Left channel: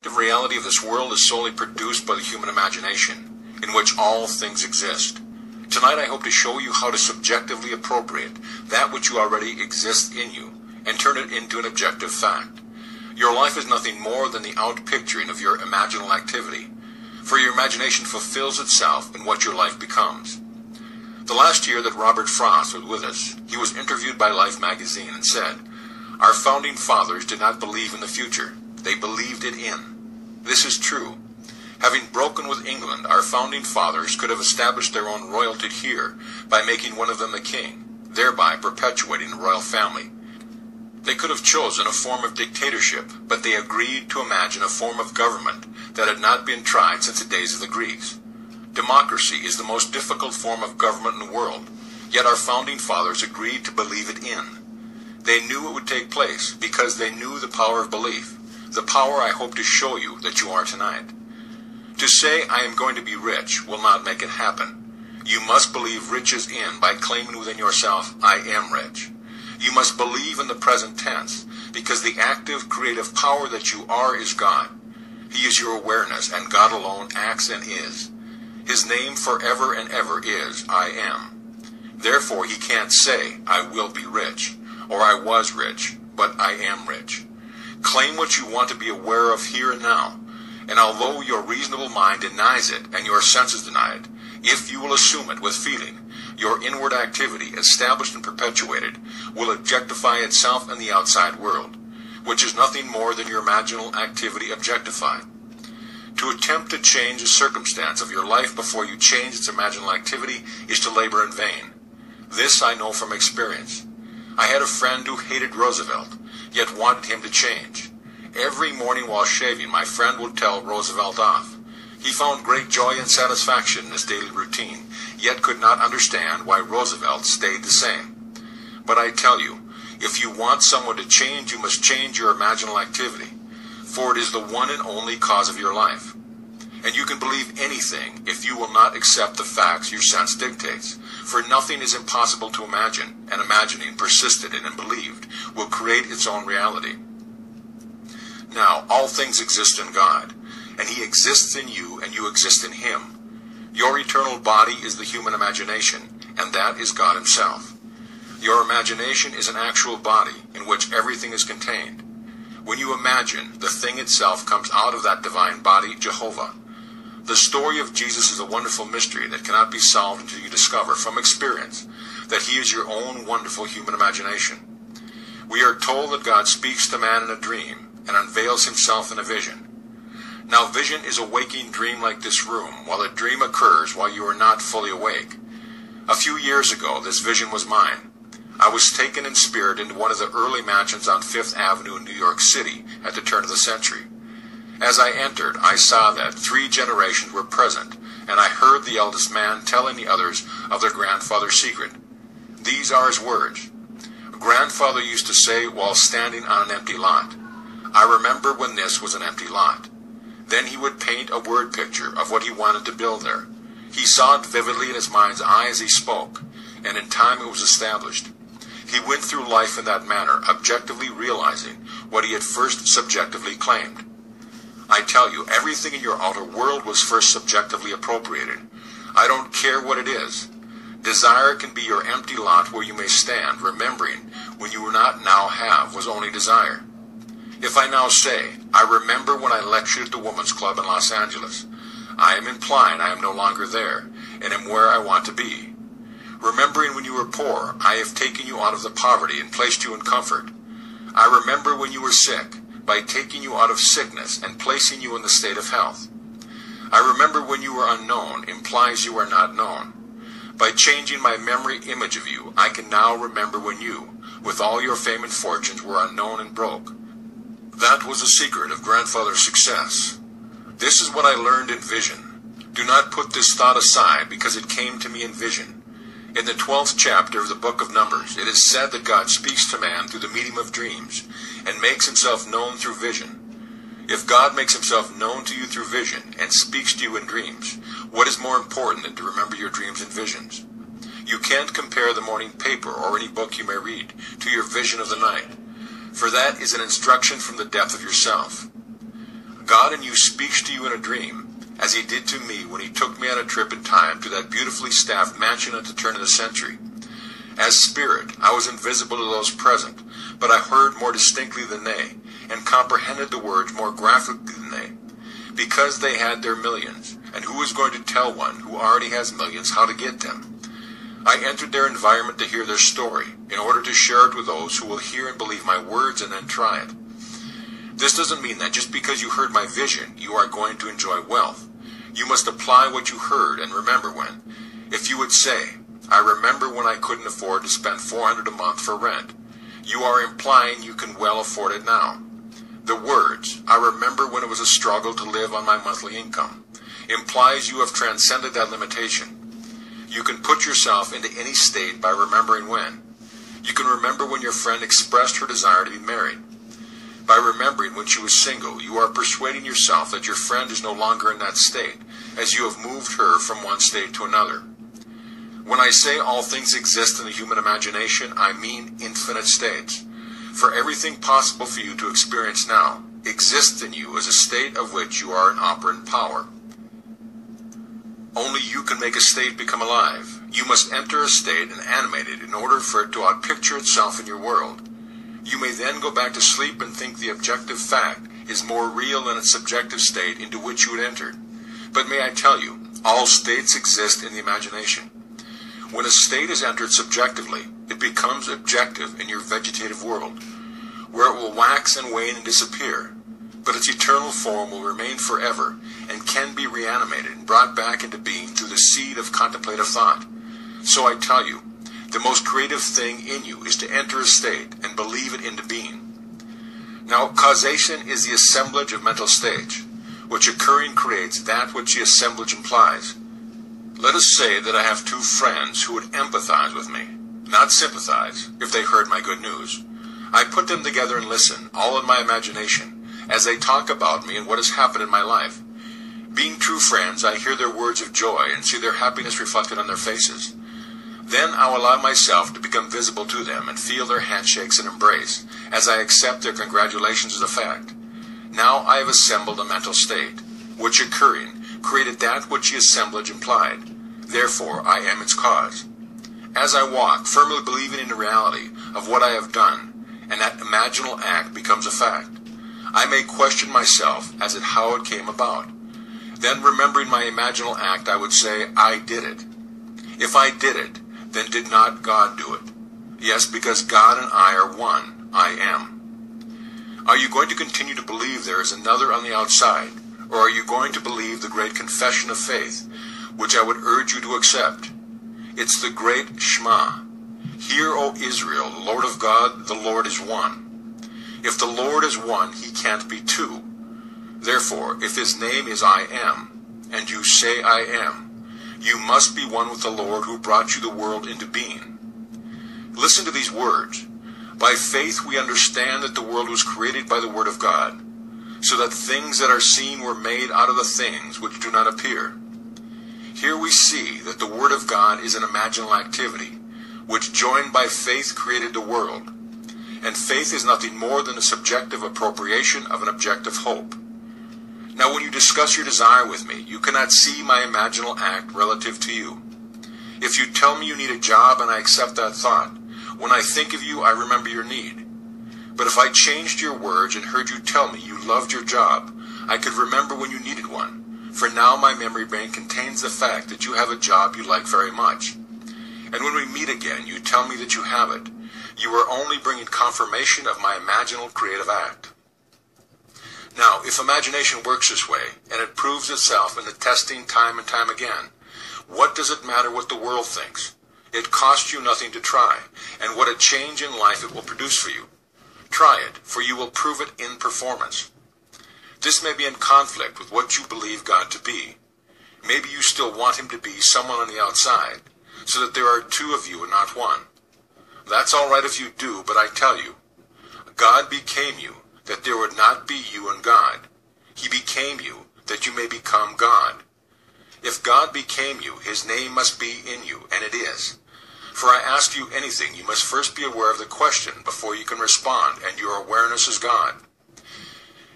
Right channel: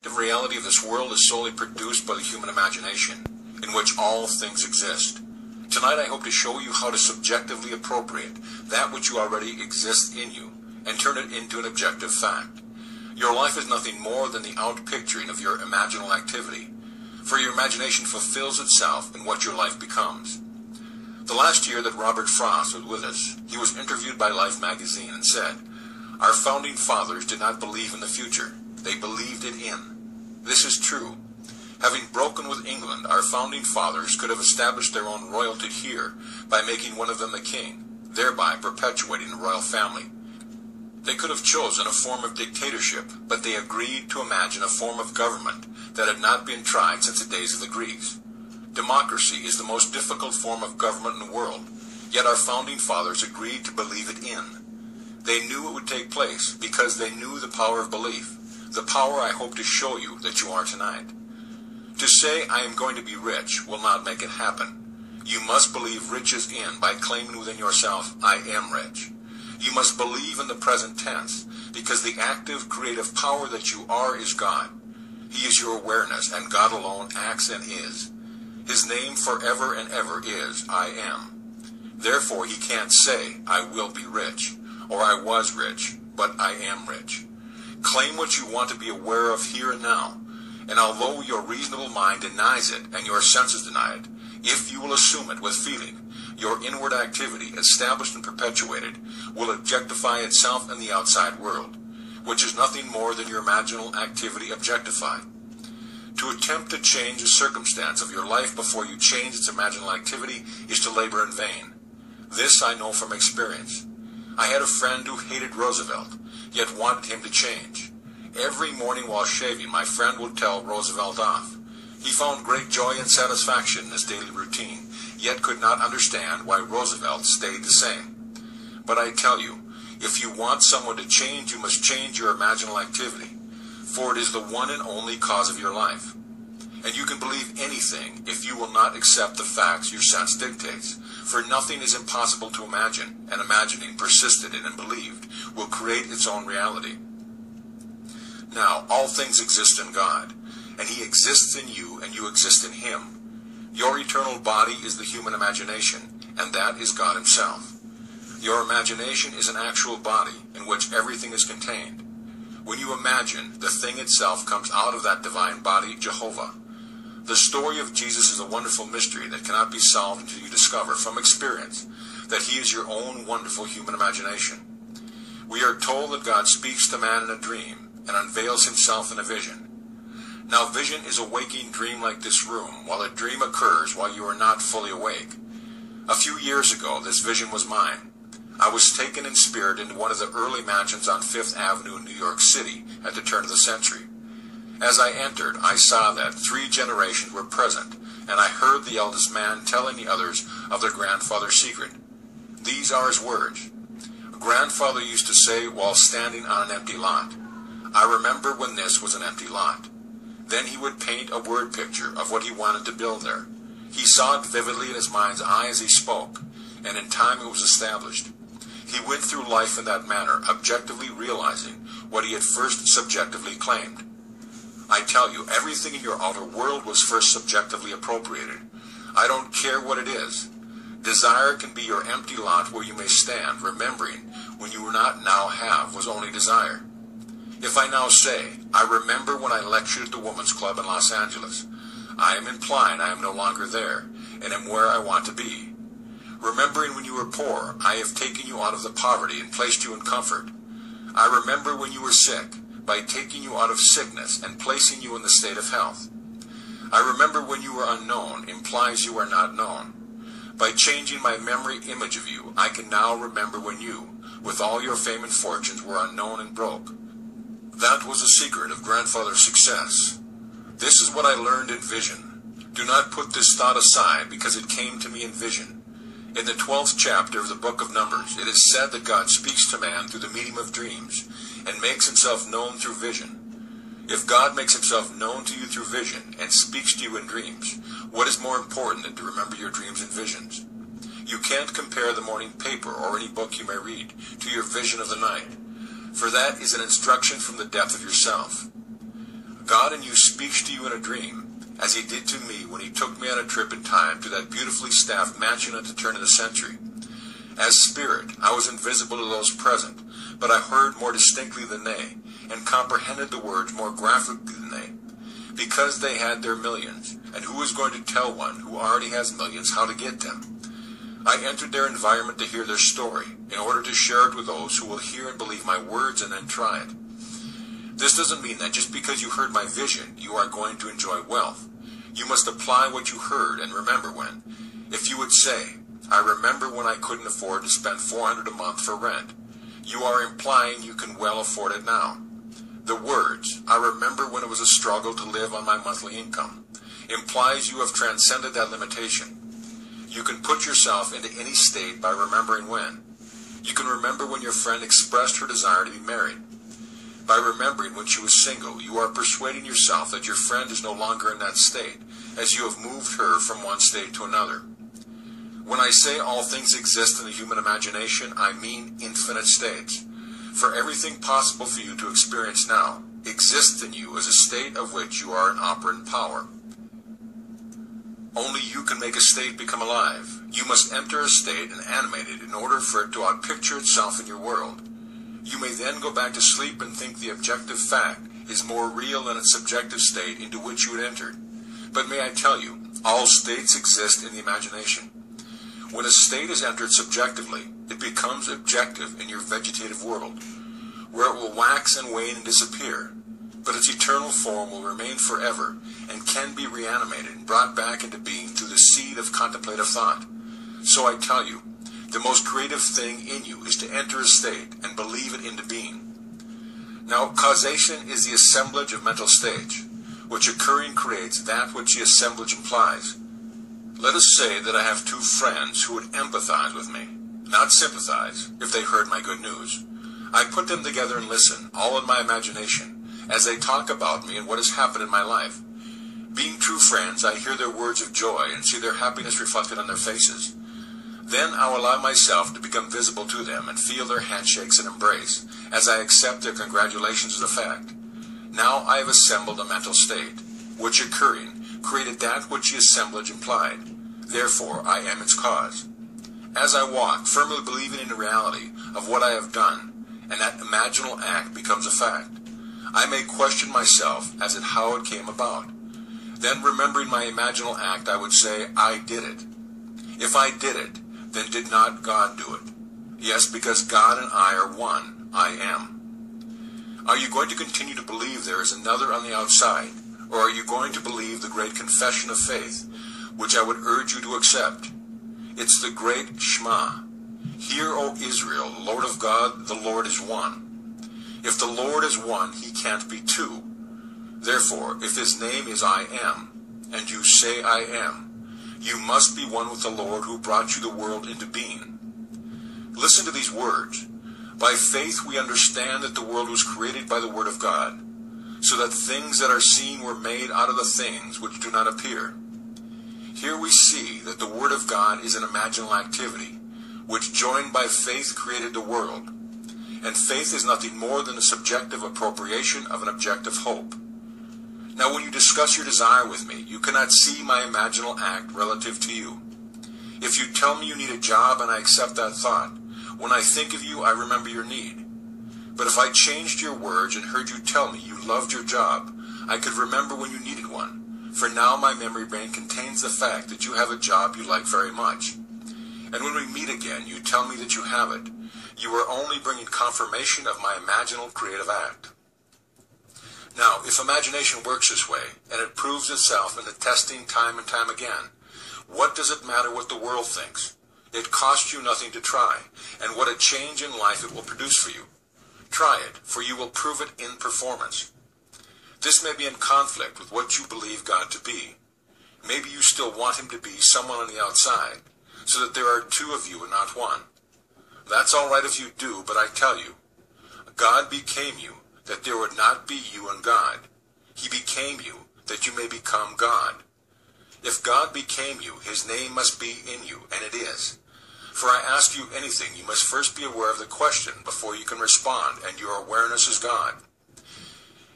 The reality of this world is solely produced by the human imagination, in which all things exist. Tonight I hope to show you how to subjectively appropriate that which you already exists in you and turn it into an objective fact. Your life is nothing more than the outpicturing of your imaginal activity, for your imagination fulfills itself in what your life becomes. The last year that Robert Frost was with us, he was interviewed by Life magazine and said, "Our founding fathers did not believe in the future. They believed it in." This is true. Having broken with England, our founding fathers could have established their own royalty here by making one of them a king, thereby perpetuating the royal family. They could have chosen a form of dictatorship, but they agreed to imagine a form of government that had not been tried since the days of the Greeks. Democracy is the most difficult form of government in the world, yet our founding fathers agreed to believe it in. They knew it would take place because they knew the power of belief, the power I hope to show you that you are tonight. To say, "I am going to be rich," will not make it happen. You must believe riches in by claiming within yourself, "I am rich." You must believe in the present tense, because the active, creative power that you are is God. He is your awareness, and God alone acts and is. His name forever and ever is, "I am." Therefore, he can't say, "I will be rich," or "I was rich," but "I am rich." Claim what you want to be aware of here and now, and although your reasonable mind denies it and your senses deny it, if you will assume it with feeling, your inward activity, established and perpetuated, will objectify itself in the outside world, which is nothing more than your imaginal activity objectified. To attempt to change the circumstance of your life before you change its imaginal activity is to labor in vain. This I know from experience. I had a friend who hated Roosevelt, yet wanted him to change. Every morning while shaving, my friend would tell Roosevelt off. He found great joy and satisfaction in his daily routine, yet could not understand why Roosevelt stayed the same. But I tell you, if you want someone to change, you must change your imaginal activity, for it is the one and only cause of your life. And you can believe anything if you will not accept the facts your sense dictates, for nothing is impossible to imagine, and imagining, persisted in and believed, will create its own reality. Now, all things exist in God, and he exists in you, and you exist in him. Your eternal body is the human imagination, and that is God himself. Your imagination is an actual body in which everything is contained. When you imagine, the thing itself comes out of that divine body, Jehovah. The story of Jesus is a wonderful mystery that cannot be solved until you discover from experience that he is your own wonderful human imagination. We are told that God speaks to man in a dream and unveils himself in a vision. Now, vision is a waking dream like this room, while a dream occurs while you are not fully awake. A few years ago, this vision was mine. I was taken in spirit into one of the early mansions on Fifth Avenue in New York City at the turn of the century. As I entered, I saw that 3 generations were present, and I heard the eldest man telling the others of their grandfather's secret. These are his words. Grandfather used to say while standing on an empty lot, "I remember when this was an empty lot." Then he would paint a word picture of what he wanted to build there. He saw it vividly in his mind's eye as he spoke, and in time it was established. He went through life in that manner, objectively realizing what he had first subjectively claimed. I tell you, everything in your outer world was first subjectively appropriated. I don't care what it is. Desire can be your empty lot where you may stand, remembering when you were not now have was only desire. If I now say, "I remember when I lectured at the Women's Club in Los Angeles," I am implying I am no longer there, and am where I want to be. Remembering when you were poor, I have taken you out of the poverty and placed you in comfort. I remember when you were sick, by taking you out of sickness and placing you in the state of health. I remember when you were unknown implies you are not known. By changing my memory image of you, I can now remember when you, with all your fame and fortunes, were unknown and broke. That was the secret of grandfather's success. This is what I learned in vision. Do not put this thought aside, because it came to me in vision. In the 12th chapter of the book of Numbers, it is said that God speaks to man through the medium of dreams, and makes himself known through vision. If God makes himself known to you through vision, and speaks to you in dreams, what is more important than to remember your dreams and visions? You can't compare the morning paper or any book you may read to your vision of the night, for that is an instruction from the depth of yourself. God in you speaks to you in a dream, as he did to me when he took me on a trip in time to that beautifully staffed mansion at the turn of the century. As spirit, I was invisible to those present, but I heard more distinctly than they, and comprehended the words more graphically than they, because they had their millions, and who is going to tell one who already has millions how to get them? I entered their environment to hear their story, in order to share it with those who will hear and believe my words and then try it. This doesn't mean that just because you heard my vision, you are going to enjoy wealth. You must apply what you heard and remember when. If you would say, I remember when I couldn't afford to spend $400 a month for rent, you are implying you can well afford it now. The words, I remember when it was a struggle to live on my monthly income, implies you have transcended that limitation. You can put yourself into any state by remembering when. You can remember when your friend expressed her desire to be married. By remembering when she was single, you are persuading yourself that your friend is no longer in that state, as you have moved her from one state to another. When I say all things exist in the human imagination, I mean infinite states. For everything possible for you to experience now exists in you as a state of which you are an operant power. Only you can make a state become alive. You must enter a state and animate it in order for it to outpicture itself in your world. You may then go back to sleep and think the objective fact is more real than its subjective state into which you had entered. But may I tell you, all states exist in the imagination. When a state is entered subjectively, it becomes objective in your vegetative world, where it will wax and wane and disappear, but its eternal form will remain forever and can be reanimated and brought back into being through the seed of contemplative thought. So I tell you, the most creative thing in you is to enter a state and believe it into being. Now, causation is the assemblage of mental states, which occurring creates that which the assemblage implies. Let us say that I have two friends who would empathize with me, not sympathize, if they heard my good news. I put them together and listen, all in my imagination, as they talk about me and what has happened in my life. Being true friends, I hear their words of joy and see their happiness reflected on their faces. Then I'll allow myself to become visible to them and feel their handshakes and embrace, as I accept their congratulations as a fact. Now I have assembled a mental state, which occurring created that which the assemblage implied. Therefore I am its cause. As I walk, firmly believing in the reality of what I have done, and that imaginal act becomes a fact, I may question myself as to how it came about. Then, remembering my imaginal act, I would say, I did it. If I did it, then did not God do it? Yes, because God and I are one. I am. Are you going to continue to believe there is another on the outside, or are you going to believe the great confession of faith, which I would urge you to accept? It's the great Shema. Hear, O Israel, the Lord of God, the Lord is one. If the Lord is one, he can't be two. Therefore, if his name is I am, and you say I am, you must be one with the Lord who brought you the world into being. Listen to these words. By faith we understand that the world was created by the word of God, so that things that are seen were made out of the things which do not appear. Here we see that the word of God is an imaginal activity, which joined by faith created the world. And faith is nothing more than a subjective appropriation of an objective hope. Now, when you discuss your desire with me, you cannot see my imaginal act relative to you. If you tell me you need a job and I accept that thought, when I think of you, I remember your need. But if I changed your words and heard you tell me you loved your job, I could remember when you needed one. For now my memory brain contains the fact that you have a job you like very much. And when we meet again, you tell me that you have it. You are only bringing confirmation of my imaginal creative act. Now, if imagination works this way, and it proves itself in the testing time and time again, what does it matter what the world thinks? It costs you nothing to try, and what a change in life it will produce for you. Try it, for you will prove it in performance. This may be in conflict with what you believe God to be. Maybe you still want him to be someone on the outside, so that there are two of you and not one. That's all right if you do, but I tell you, God became you, that there would not be you and God. He became you, that you may become God. If God became you, his name must be in you, and it is. For I ask you anything, you must first be aware of the question before you can respond, and your awareness is God.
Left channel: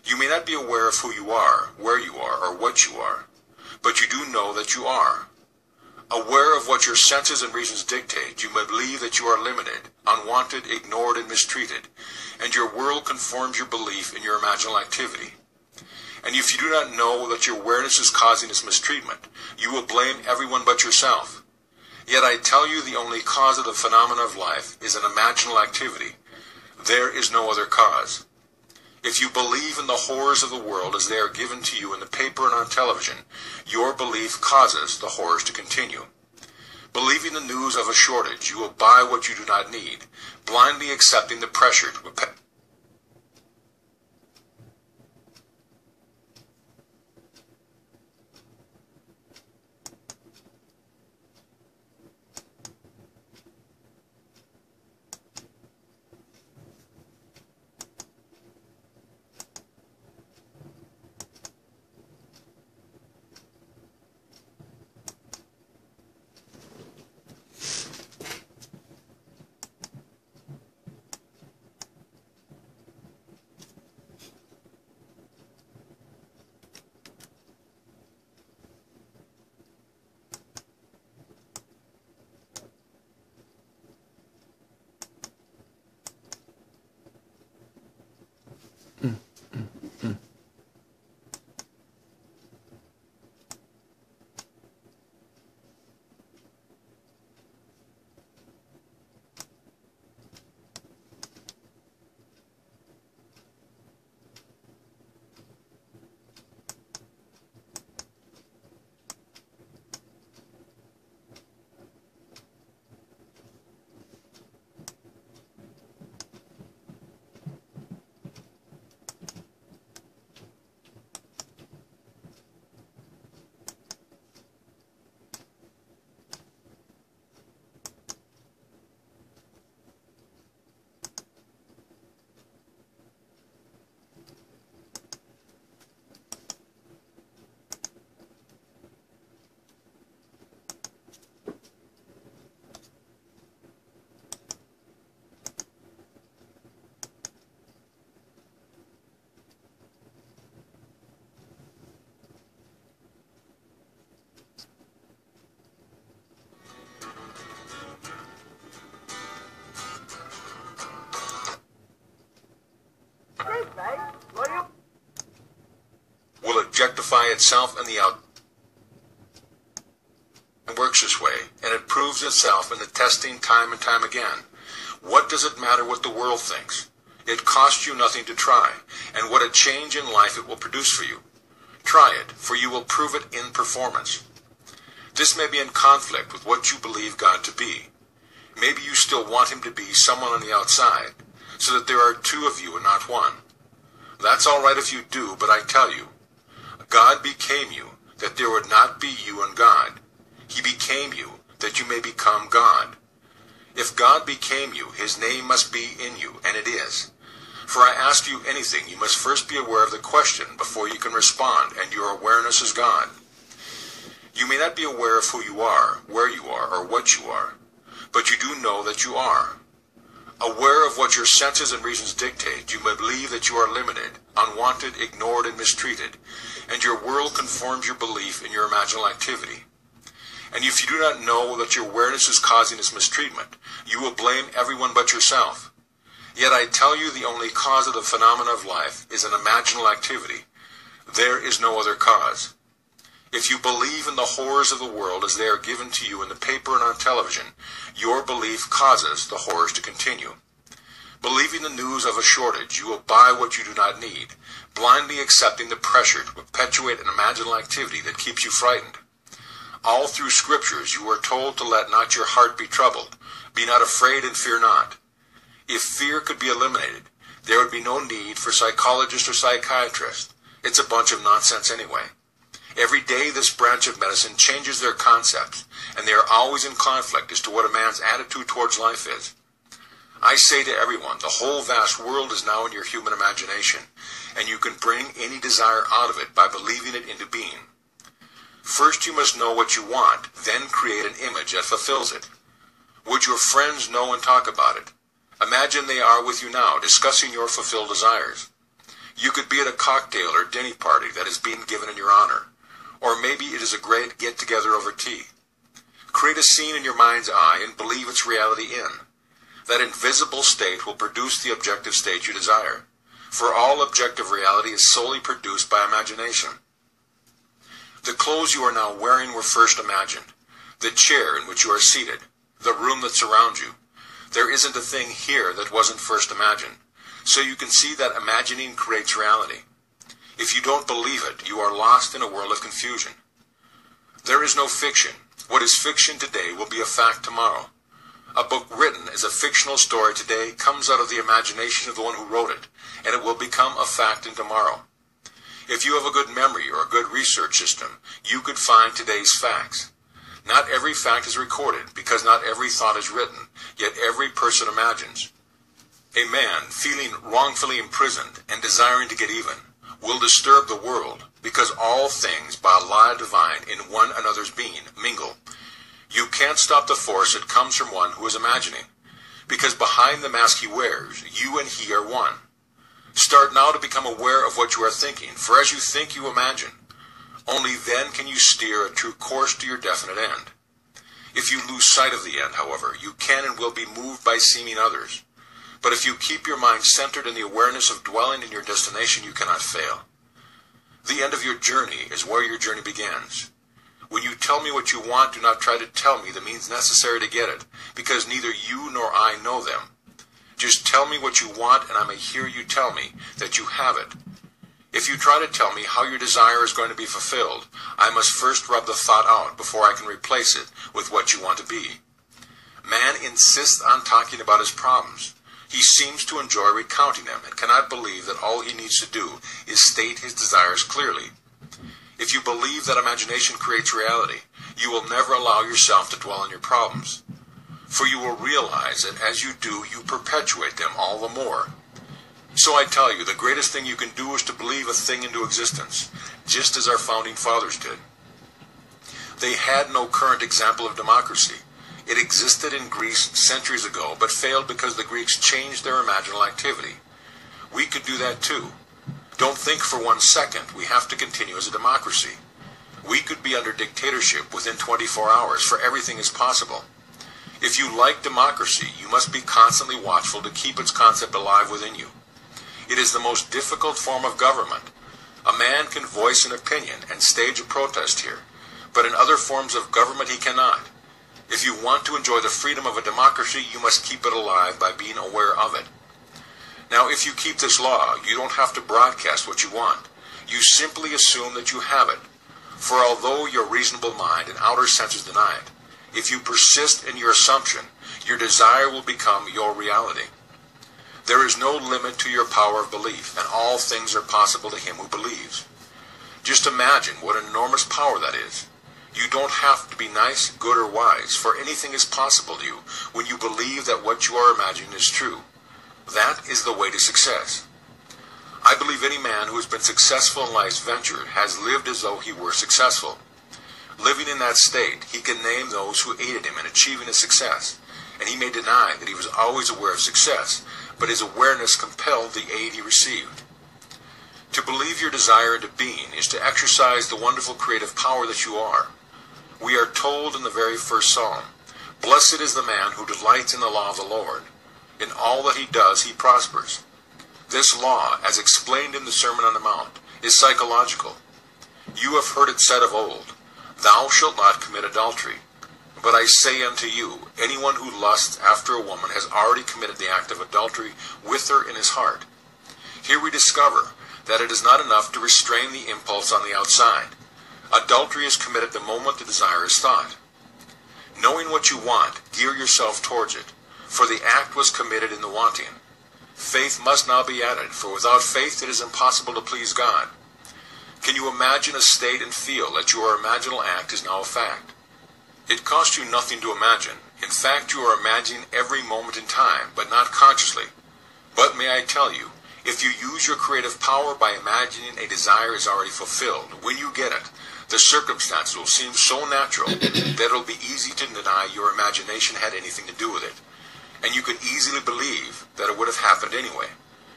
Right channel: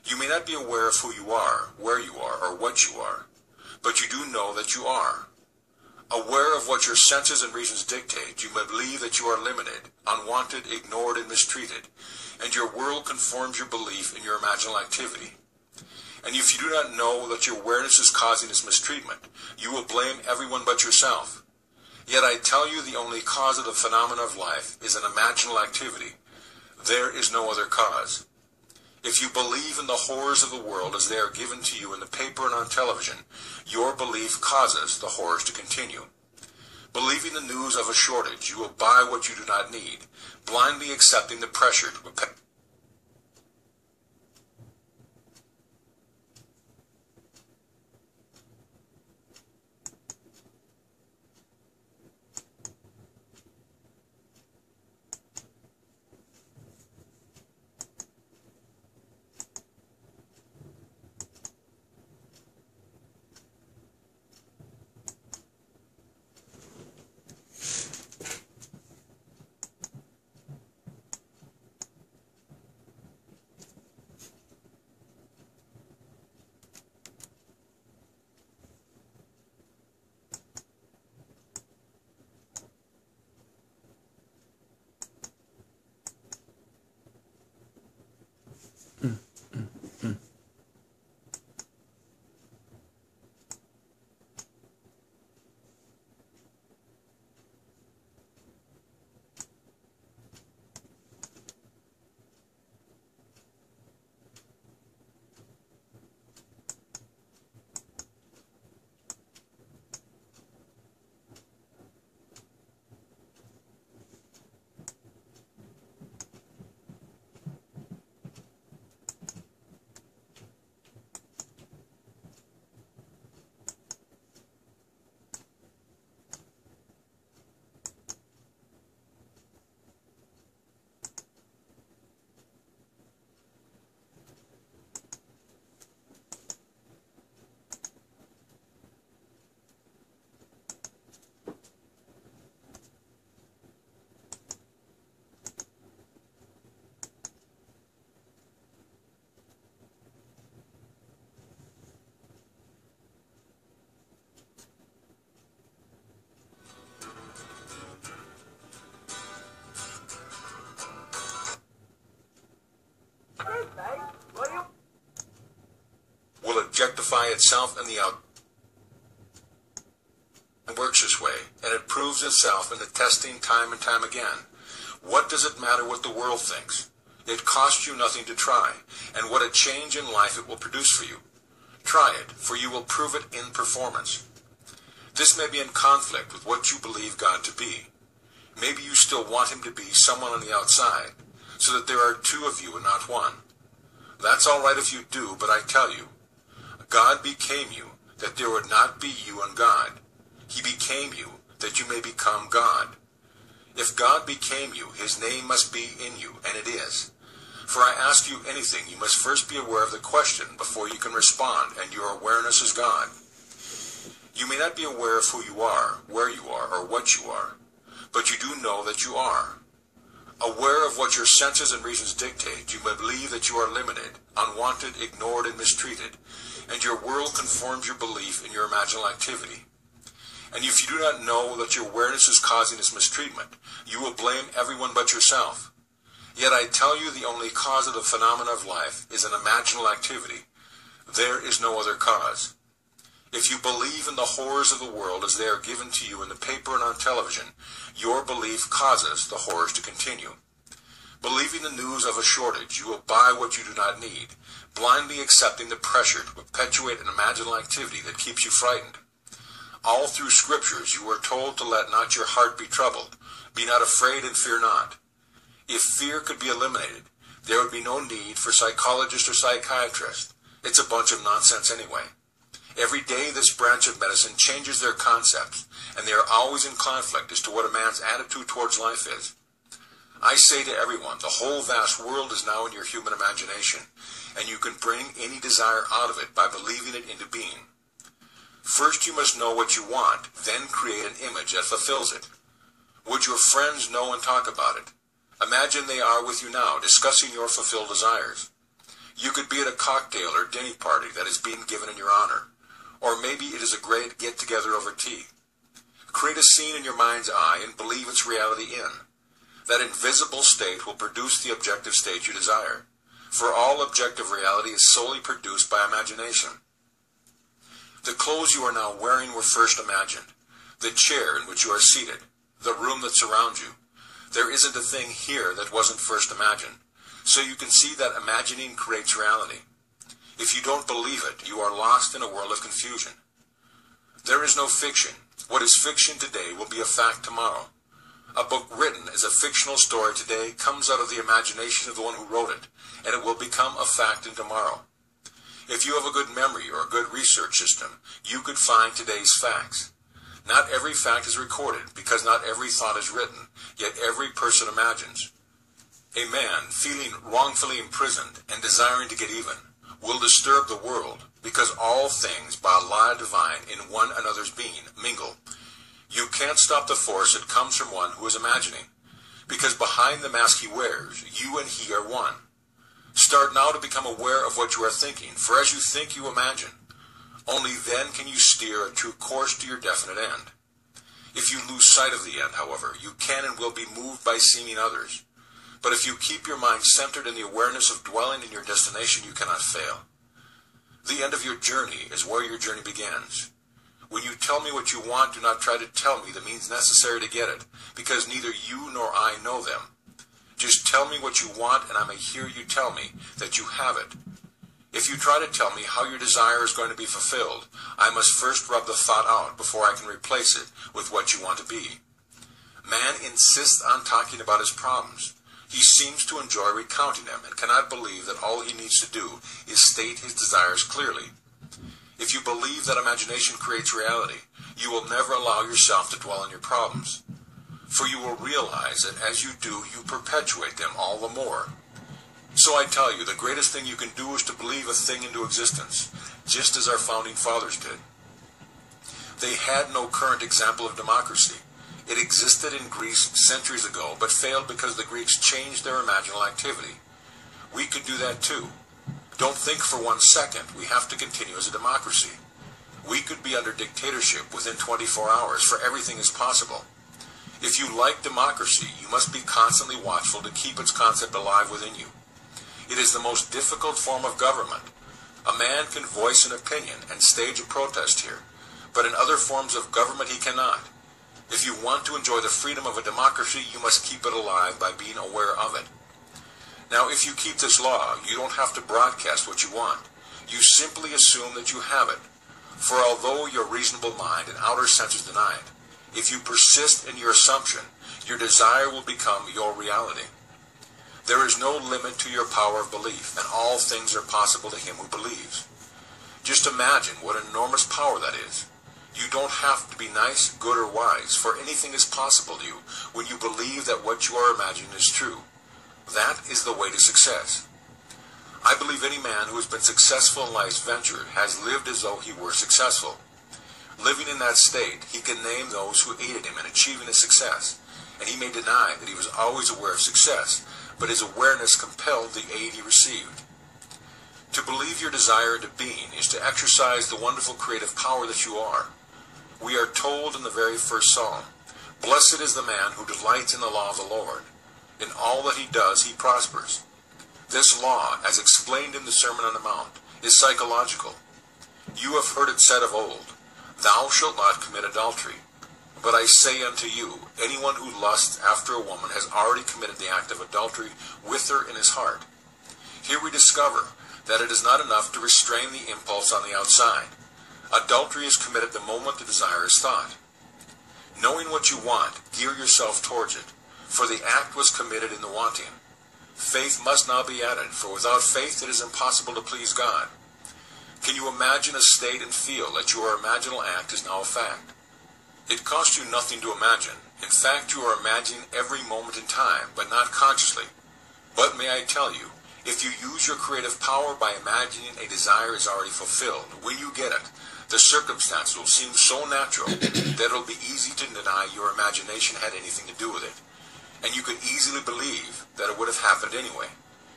You may not be aware of who you are, where you are, or what you are, but you do know that you are. Aware of what your senses and reasons dictate, you may believe that you are limited, unwanted, ignored, and mistreated, and your world conforms your belief in your imaginal activity. And if you do not know that your awareness is causing this mistreatment, you will blame everyone but yourself. Yet I tell you, the only cause of the phenomena of life is an imaginal activity. There is no other cause. If you believe in the horrors of the world as they are given to you in the paper and on television, your belief causes the horrors to continue. Believing the news of a shortage, you will buy what you do not need, blindly accepting the pressure to will objectify itself in the out. It works this way, and it proves itself in the testing time and time again. What does it matter what the world thinks? It costs you nothing to try, and what a change in life it will produce for you. Try it, for you will prove it in performance. This may be in conflict with what you believe God to be. Maybe you still want him to be someone on the outside, so that there are two of you and not one. That's all right if you do, but I tell you, God became you, that there would not be you and God. He became you, that you may become God. If God became you, his name must be in you, and it is. For I ask you anything, you must first be aware of the question before you can respond, and your awareness is God. You may not be aware of who you are, where you are, or what you are, but you do know that you are. Aware of what your senses and reasons dictate, you may believe that you are limited, unwanted, ignored, and mistreated, and your world conforms your belief in your imaginal activity. And if you do not know that your awareness is causing this mistreatment, you will blame everyone but yourself. Yet I tell you, the only cause of the phenomena of life is an imaginal activity. There is no other cause. If you believe in the horrors of the world as they are given to you in the paper and on television, your belief causes the horrors to continue. Believing the news of a shortage, you will buy what you do not need, blindly accepting the pressure to perpetuate an imaginal activity that keeps you frightened. All through scriptures you are told to let not your heart be troubled, be not afraid and fear not. If fear could be eliminated, there would be no need for psychologists or psychiatrists. It's a bunch of nonsense anyway. Every day this branch of medicine changes their concepts, and they are always in conflict as to what a man's attitude towards life is. I say to everyone, the whole vast world is now in your human imagination, and you can bring any desire out of it by believing it into being. First you must know what you want, then create an image that fulfills it. Would your friends know and talk about it? Imagine they are with you now, discussing your fulfilled desires. You could be at a cocktail or dinner party that is being given in your honor, or maybe it is a great get-together over tea. Create a scene in your mind's eye and believe its reality in. That invisible state will produce the objective state you desire, for all objective reality is solely produced by imagination. The clothes you are now wearing were first imagined, the chair in which you are seated, the room that surrounds you. There isn't a thing here that wasn't first imagined, so you can see that imagining creates reality. If you don't believe it, you are lost in a world of confusion. There is no fiction. What is fiction today will be a fact tomorrow. A book written as a fictional story today comes out of the imagination of the one who wrote it, and it will become a fact in tomorrow. If you have a good memory or a good research system, you could find today's facts. Not every fact is recorded, because not every thought is written, yet every person imagines. A man feeling wrongfully imprisoned and desiring to get even will disturb the world, because all things, by a law divine in one another's being, mingle. You can't stop the force that comes from one who is imagining, because behind the mask he wears, you and he are one. Start now to become aware of what you are thinking, for as you think, you imagine. Only then can you steer a true course to your definite end. If you lose sight of the end, however, you can and will be moved by seeming others. But if you keep your mind centered in the awareness of dwelling in your destination, you cannot fail. The end of your journey is where your journey begins. When you tell me what you want, do not try to tell me the means necessary to get it, because neither you nor I know them. Just tell me what you want, and I may hear you tell me that you have it. If you try to tell me how your desire is going to be fulfilled, I must first rub the thought out before I can replace it with what you want to be. Man insists on talking about his problems. He seems to enjoy recounting them and cannot believe that all he needs to do is state his desires clearly. If you believe that imagination creates reality, you will never allow yourself to dwell on your problems. For you will realize that as you do, you perpetuate them all the more. So I tell you, the greatest thing you can do is to believe a thing into existence, just as our founding fathers did. They had no current example of democracy. It existed in Greece centuries ago, but failed because the Greeks changed their imaginal activity. We could do that too. Don't think for 1 second we have to continue as a democracy. We could be under dictatorship within 24 hours, for everything is possible. If you like democracy, you must be constantly watchful to keep its concept alive within you. It is the most difficult form of government. A man can voice an opinion and stage a protest here, but in other forms of government he cannot. If you want to enjoy the freedom of a democracy, you must keep it alive by being aware of it. Now, if you keep this law, you don't have to broadcast what you want. You simply assume that you have it. For although your reasonable mind and outer senses deny it, if you persist in your assumption, your desire will become your reality. There is no limit to your power of belief, and all things are possible to him who believes. Just imagine what an enormous power that is. You don't have to be nice, good, or wise, for anything is possible to you when you believe that what you are imagining is true. That is the way to success. I believe any man who has been successful in life's venture has lived as though he were successful. Living in that state, he can name those who aided him in achieving his success, and he may deny that he was always aware of success, but his awareness compelled the aid he received. To believe your desire into being is to exercise the wonderful creative power that you are. We are told in the very first psalm, "Blessed is the man who delights in the law of the Lord. In all that he does, he prospers." This law, as explained in the Sermon on the Mount, is psychological. You have heard it said of old, "Thou shalt not commit adultery." But I say unto you, anyone who lusts after a woman has already committed the act of adultery with her in his heart. Here we discover that it is not enough to restrain the impulse on the outside. Adultery is committed the moment the desire is thought. Knowing what you want, gear yourself towards it, for the act was committed in the wanting. Faith must now be added, for without faith it is impossible to please God. Can you imagine a state and feel that your imaginal act is now a fact? It costs you nothing to imagine. In fact, you are imagining every moment in time, but not consciously. But may I tell you, if you use your creative power by imagining a desire is already fulfilled, when you get it, the circumstances will seem so natural that it will be easy to deny your imagination had anything to do with it. And you can easily believe that it would have happened anyway.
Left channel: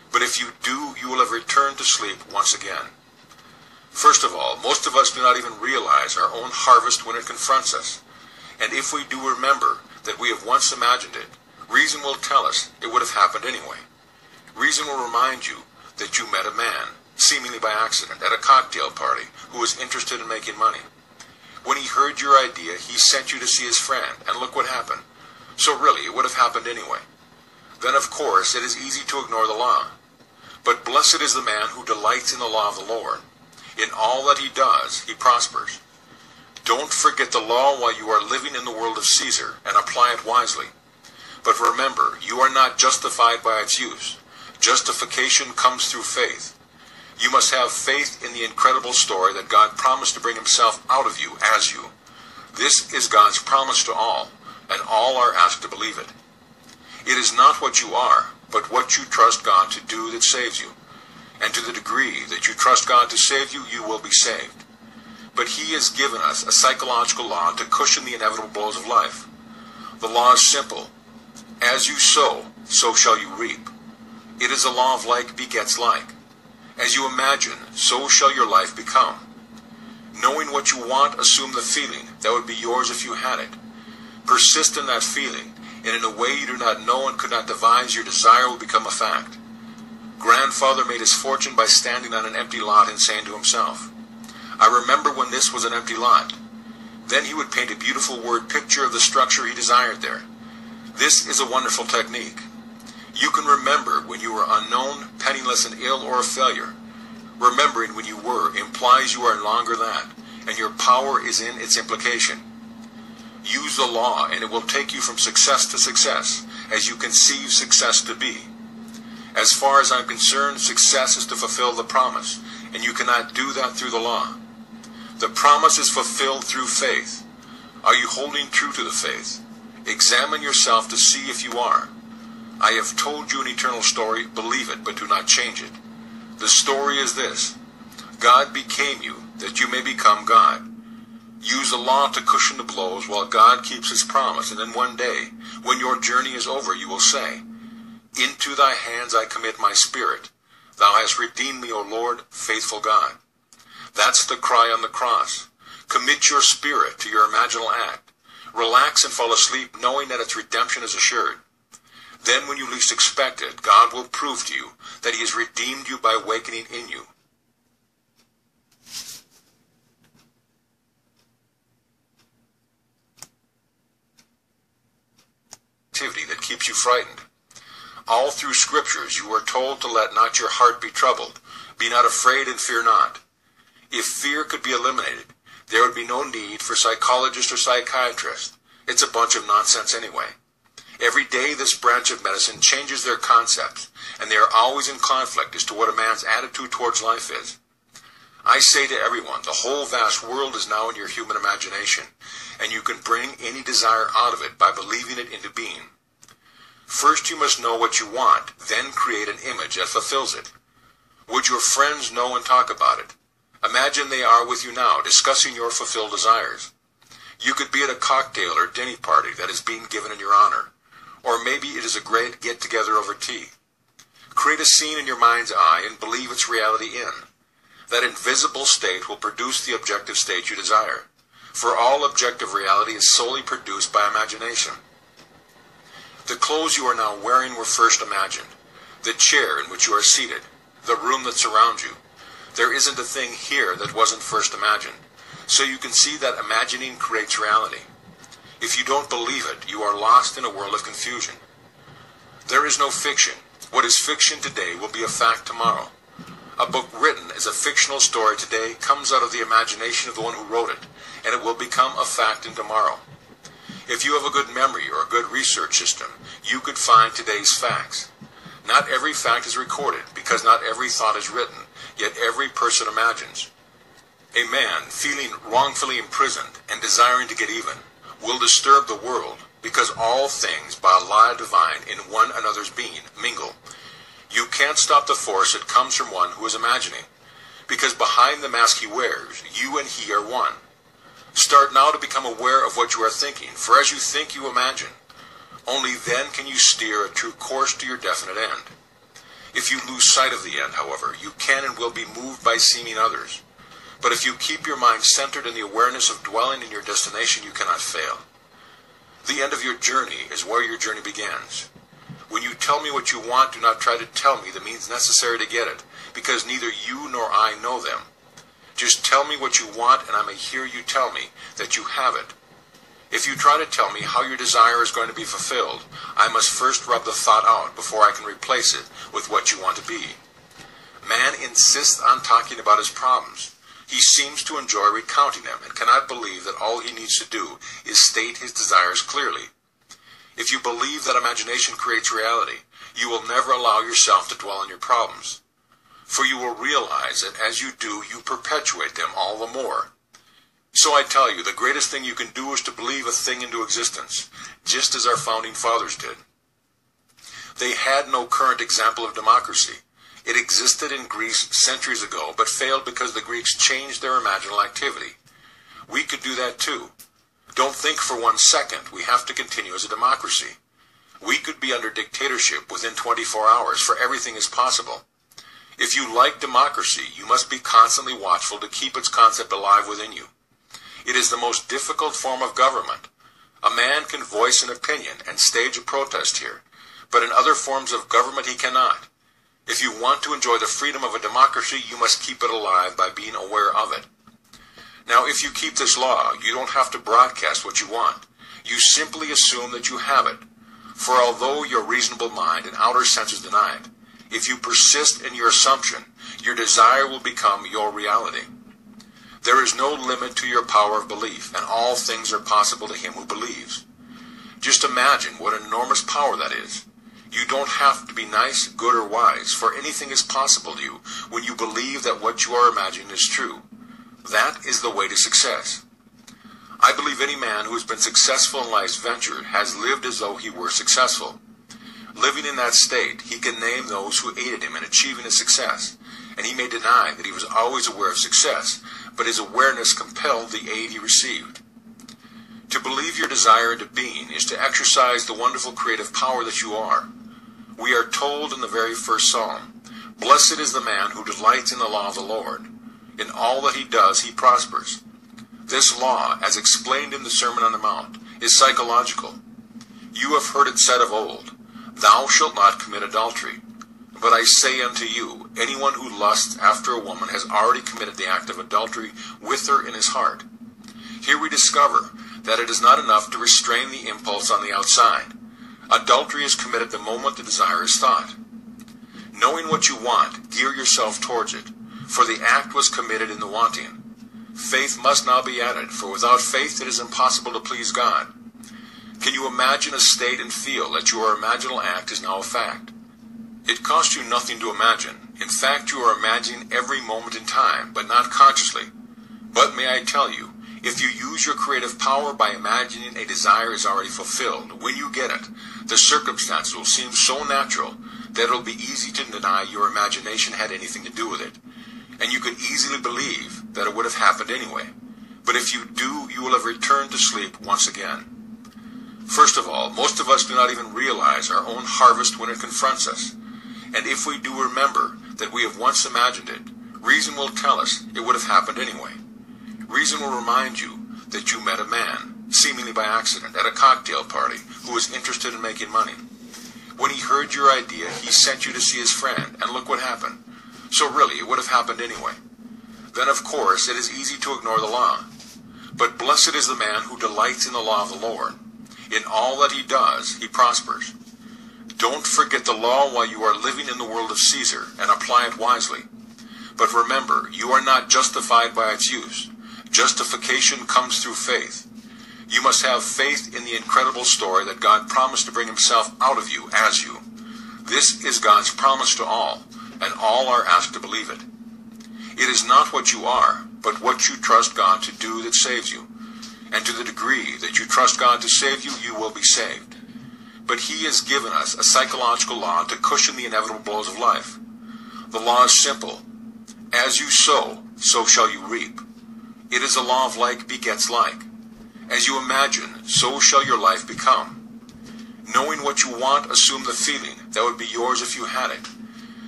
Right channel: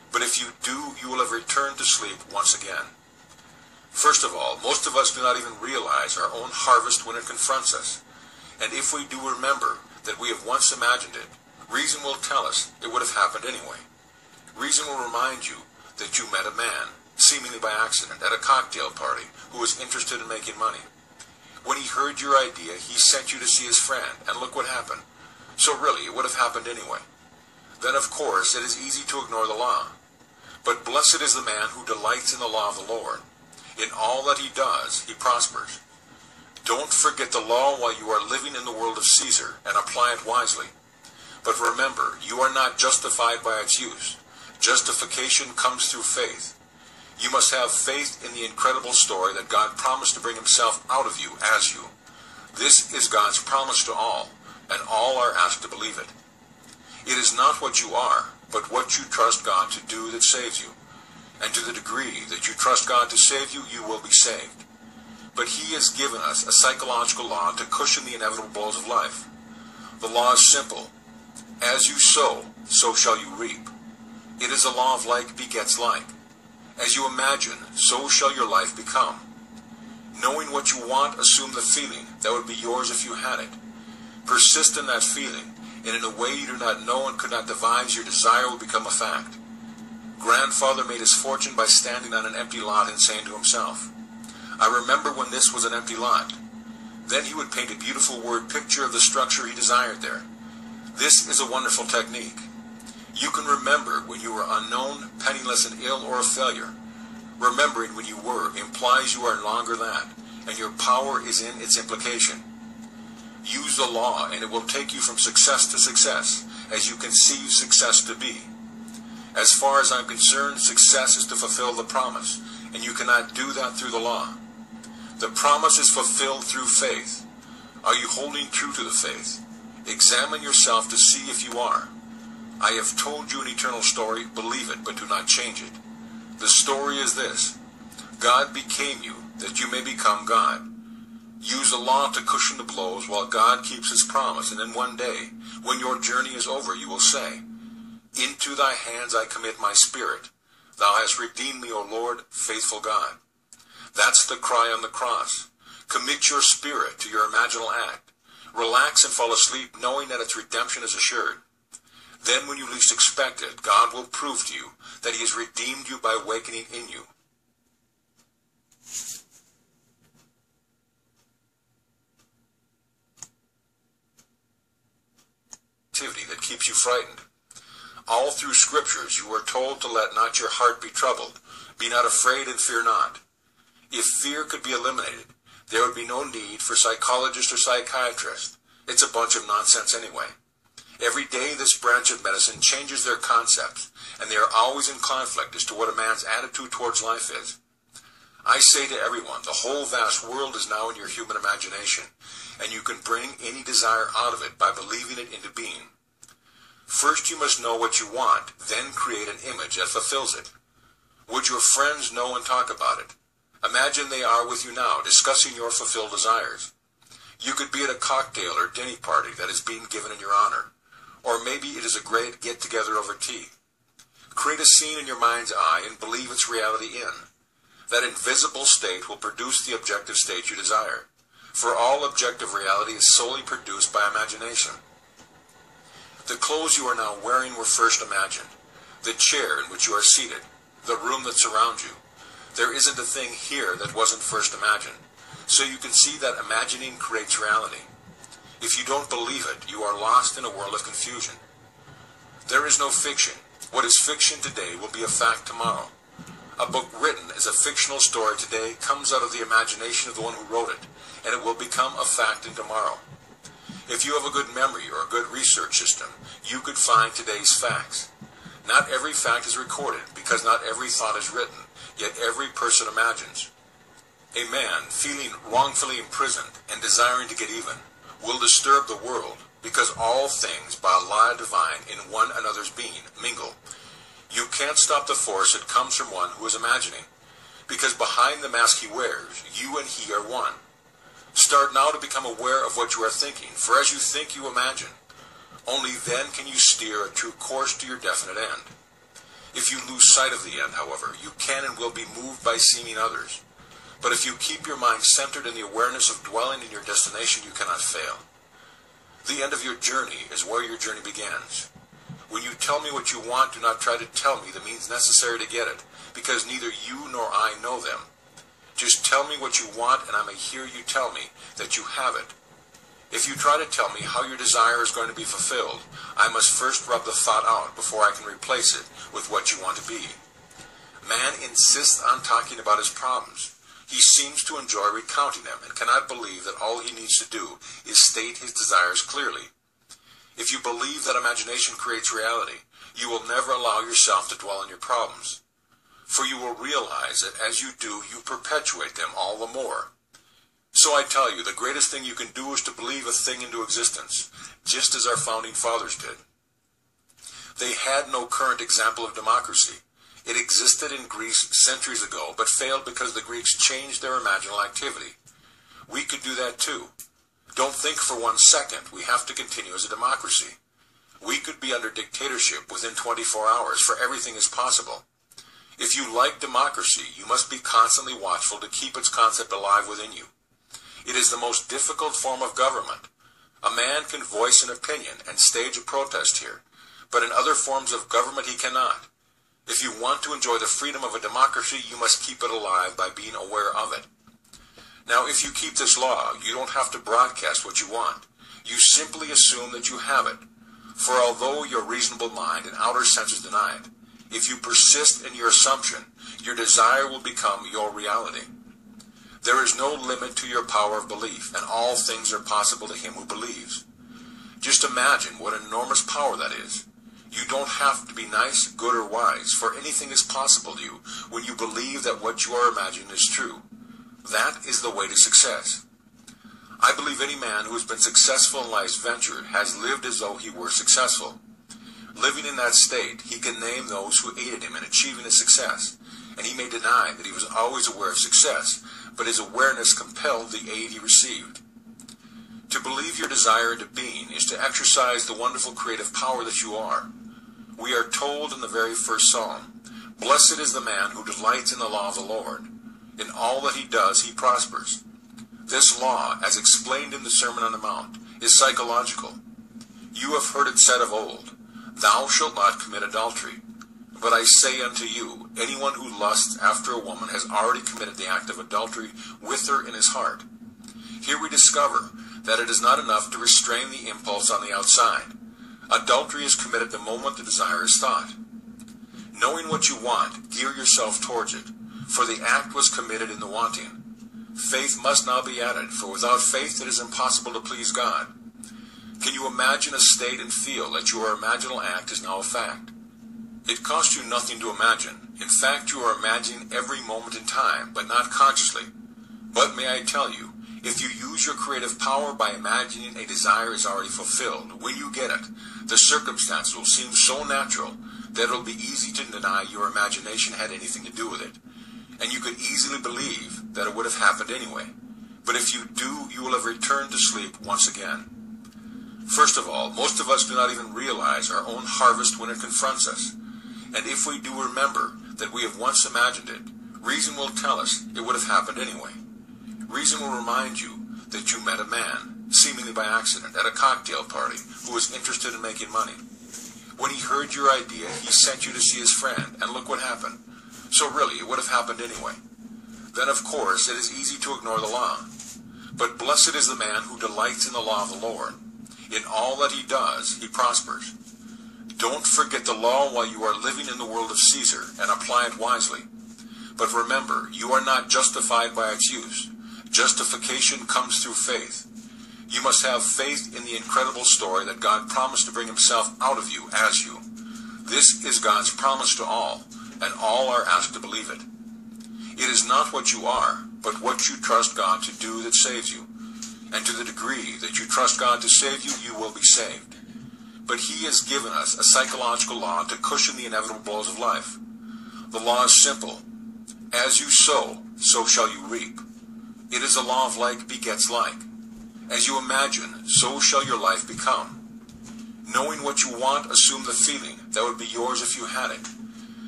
But if you do, you will have returned to sleep once again. First of all, most of us do not even realize our own harvest when it confronts us. And if we do remember that we have once imagined it, reason will tell us it would have happened anyway. Reason will remind you that you met a man, seemingly by accident, at a cocktail party who was interested in making money. When he heard your idea, he sent you to see his friend, and look what happened. So really, it would have happened anyway. Then, of course, it is easy to ignore the law. But blessed is the man who delights in the law of the Lord. In all that he does, he prospers. Don't forget the law while you are living in the world of Caesar, and apply it wisely. But remember, you are not justified by its use. Justification comes through faith. You must have faith in the incredible story that God promised to bring himself out of you as you. This is God's promise to all, and all are asked to believe it. It is not what you are, but what you trust God to do that saves you. And to the degree that you trust God to save you, you will be saved. But he has given us a psychological law to cushion the inevitable blows of life. The law is simple. As you sow, so shall you reap. It is a law of like begets like. As you imagine, so shall your life become. Knowing what you want, assume the feeling that would be yours if you had it. Persist in that feeling, and in a way you do not know and could not devise, your desire will become a fact. Grandfather made his fortune by standing on an empty lot and saying to himself, I remember when this was an empty lot. Then he would paint a beautiful word picture of the structure he desired there. This is a wonderful technique. You can remember when you were unknown, penniless, and ill, or a failure. Remembering when you were implies you are no longer that, and your power is in its implication. Use the law, and it will take you from success to success, as you conceive success to be. As far as I'm concerned, success is to fulfill the promise, and you cannot do that through the law. The promise is fulfilled through faith. Are you holding true to the faith? Examine yourself to see if you are. I have told you an eternal story, believe it, but do not change it. The story is this: God became you, that you may become God. Use the law to cushion the blows while God keeps his promise, and then one day, when your journey is over, you will say, Into thy hands I commit my spirit. Thou hast redeemed me, O Lord, faithful God. That's the cry on the cross. Commit your spirit to your imaginal act. Relax and fall asleep, knowing that its redemption is assured. Then when you least expect it, God will prove to you that he has redeemed you by awakening in you. Activity that keeps you frightened. All through scriptures you are told to let not your heart be troubled. Be not afraid and fear not. If fear could be eliminated, there would be no need for psychologists or psychiatrists. It's a bunch of nonsense anyway. Every day this branch of medicine changes their concepts, and they are always in conflict as to what a man's attitude towards life is. I say to everyone, the whole vast world is now in your human imagination, and you can bring any desire out of it by believing it into being. First you must know what you want, then create an image that fulfills it. Would your friends know and talk about it? Imagine they are with you now, discussing your fulfilled desires. You could be at a cocktail or dinner party that is being given in your honor. Or maybe it is a great get-together over tea. Create a scene in your mind's eye and believe its reality in. That invisible state will produce the objective state you desire. For all objective reality is solely produced by imagination. The clothes you are now wearing were first imagined. The chair in which you are seated. The room that surrounds you. There isn't a thing here that wasn't first imagined. So you can see that imagining creates reality. If you don't believe it, you are lost in a world of confusion. There is no fiction. What is fiction today will be a fact tomorrow. A book written as a fictional story today comes out of the imagination of the one who wrote it, and it will become a fact in tomorrow. If you have a good memory or a good research system, you could find today's facts. Not every fact is recorded, because not every thought is written, yet every person imagines. A man feeling wrongfully imprisoned and desiring to get even will disturb the world, because all things by a law divine in one another's being mingle. You can't stop the force that comes from one who is imagining, because behind the mask he wears, you and he are one. Start now to become aware of what you are thinking, for as you think you imagine. Only then can you steer a true course to your definite end. If you lose sight of the end, however, you can and will be moved by seeming others. But if you keep your mind centered in the awareness of dwelling in your destination, you cannot fail. The end of your journey is where your journey begins. When you tell me what you want, do not try to tell me the means necessary to get it, because neither you nor I know them. Just tell me what you want, and I may hear you tell me that you have it. If you try to tell me how your desire is going to be fulfilled, I must first rub the thought out before I can replace it with what you want to be. Man insists on talking about his problems. He seems to enjoy recounting them and cannot believe that all he needs to do is state his desires clearly. If you believe that imagination creates reality, you will never allow yourself to dwell on your problems. For you will realize that as you do, you perpetuate them all the more. So I tell you, the greatest thing you can do is to believe a thing into existence, just as our founding fathers did. They had no current example of democracy. It existed in Greece centuries ago, but failed because the Greeks changed their imaginal activity. We could do that too. Don't think for 1 second we have to continue as a democracy. We could be under dictatorship within 24 hours, for everything is possible. If you like democracy, you must be constantly watchful to keep its concept alive within you. It is the most difficult form of government. A man can voice an opinion and stage a protest here, but in other forms of government he cannot. If you want to enjoy the freedom of a democracy, you must keep it alive by being aware of it. Now, if you keep this law, you don't have to broadcast what you want. You simply assume that you have it. For although your reasonable mind and outer senses deny it, if you persist in your assumption, your desire will become your reality. There is no limit to your power of belief, and all things are possible to him who believes. Just imagine what enormous power that is. You don't have to be nice, good, or wise, for anything is possible to you when you believe that what you are imagining is true. That is the way to success. I believe any man who has been successful in life's venture has lived as though he were successful. Living in that state, he can name those who aided him in achieving his success, and he may deny that he was always aware of success, but his awareness compelled the aid he received. To believe your desire into being is to exercise the wonderful creative power that you are. We are told in the very first psalm, "Blessed is the man who delights in the law of the Lord. In all that he does, he prospers." This law, as explained in the Sermon on the Mount, is psychological. You have heard it said of old, "Thou shalt not commit adultery." But I say unto you, anyone who lusts after a woman has already committed the act of adultery with her in his heart. Here we discover that it is not enough to restrain the impulse on the outside. Adultery is committed the moment the desire is thought. Knowing what you want, gear yourself towards it, for the act was committed in the wanting. Faith must now be added, for without faith it is impossible to please God. Can you imagine a state and feel that your imaginal act is now a fact? It costs you nothing to imagine. In fact, you are imagining every moment in time, but not consciously. But may I tell you, if you use your creative power by imagining a desire is already fulfilled, when you get it, the circumstances will seem so natural that it will be easy to deny your imagination had anything to do with it. And you could easily believe that it would have happened anyway. But if you do, you will have returned to sleep once again. First of all, most of us do not even realize our own harvest when it confronts us. And if we do remember that we have once imagined it, reason will tell us it would have happened anyway. Reason will remind you that you met a man, seemingly by accident, at a cocktail party who was interested in making money. When he heard your idea, he sent you to see his friend, and look what happened. So really, it would have happened anyway. Then, of course, it is easy to ignore the law. But blessed is the man who delights in the law of the Lord. In all that he does, he prospers. Don't forget the law while you are living in the world of Caesar, and apply it wisely. But remember, you are not justified by its use. Justification comes through faith. You must have faith in the incredible story that God promised to bring himself out of you as you. This is God's promise to all, and all are asked to believe it. It is not what you are, but what you trust God to do that saves you. And to the degree that you trust God to save you, you will be saved. But he has given us a psychological law to cushion the inevitable blows of life. The law is simple. As you sow, so shall you reap. It is a law of like begets like. As you imagine, so shall your life become. Knowing what you want, assume the feeling that would be yours if you had it.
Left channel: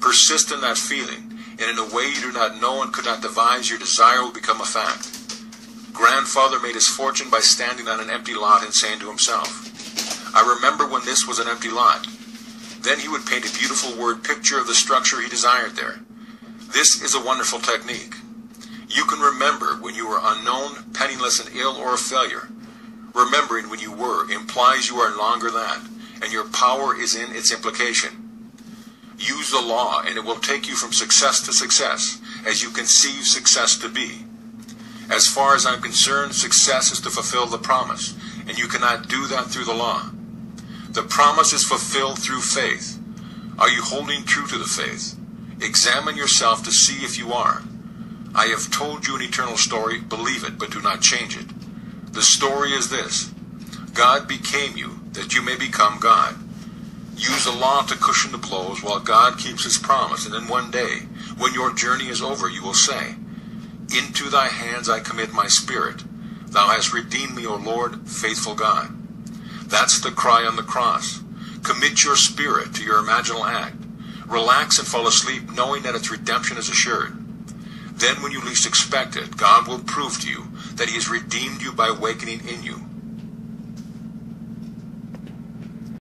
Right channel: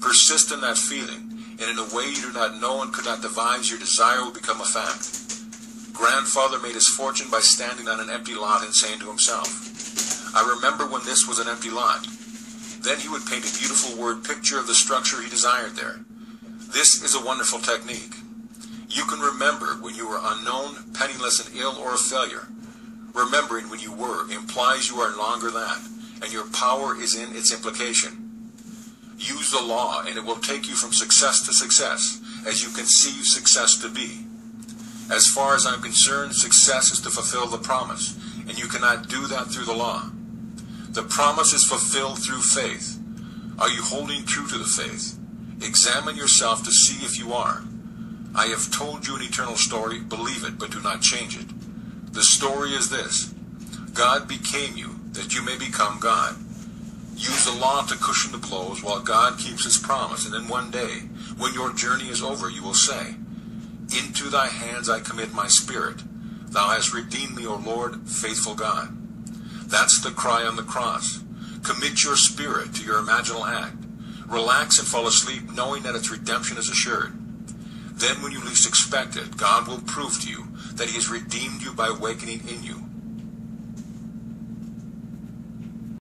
Persist in that feeling, and in a way you do not know and could not devise, your desire will become a fact. Grandfather made his fortune by standing on an empty lot and saying to himself, I remember when this was an empty lot. Then he would paint a beautiful word picture of the structure he desired there. This is a wonderful technique. You can remember when you were unknown, penniless, and ill, or a failure. Remembering when you were implies you are no longer that, and your power is in its implication. Use the law, and it will take you from success to success, as you conceive success to be. As far as I'm concerned, success is to fulfill the promise, and you cannot do that through the law. The promise is fulfilled through faith. Are you holding true to the faith? Examine yourself to see if you are. I have told you an eternal story, believe it, but do not change it. The story is this: God became you, that you may become God. Use the law to cushion the blows while God keeps his promise, and then one day, when your journey is over, you will say, Into thy hands I commit my spirit. Thou hast redeemed me, O Lord, faithful God. That's the cry on the cross. Commit your spirit to your imaginal act. Relax and fall asleep, knowing that its redemption is assured. Then when you least expect it, God will prove to you that he has redeemed you by awakening in you.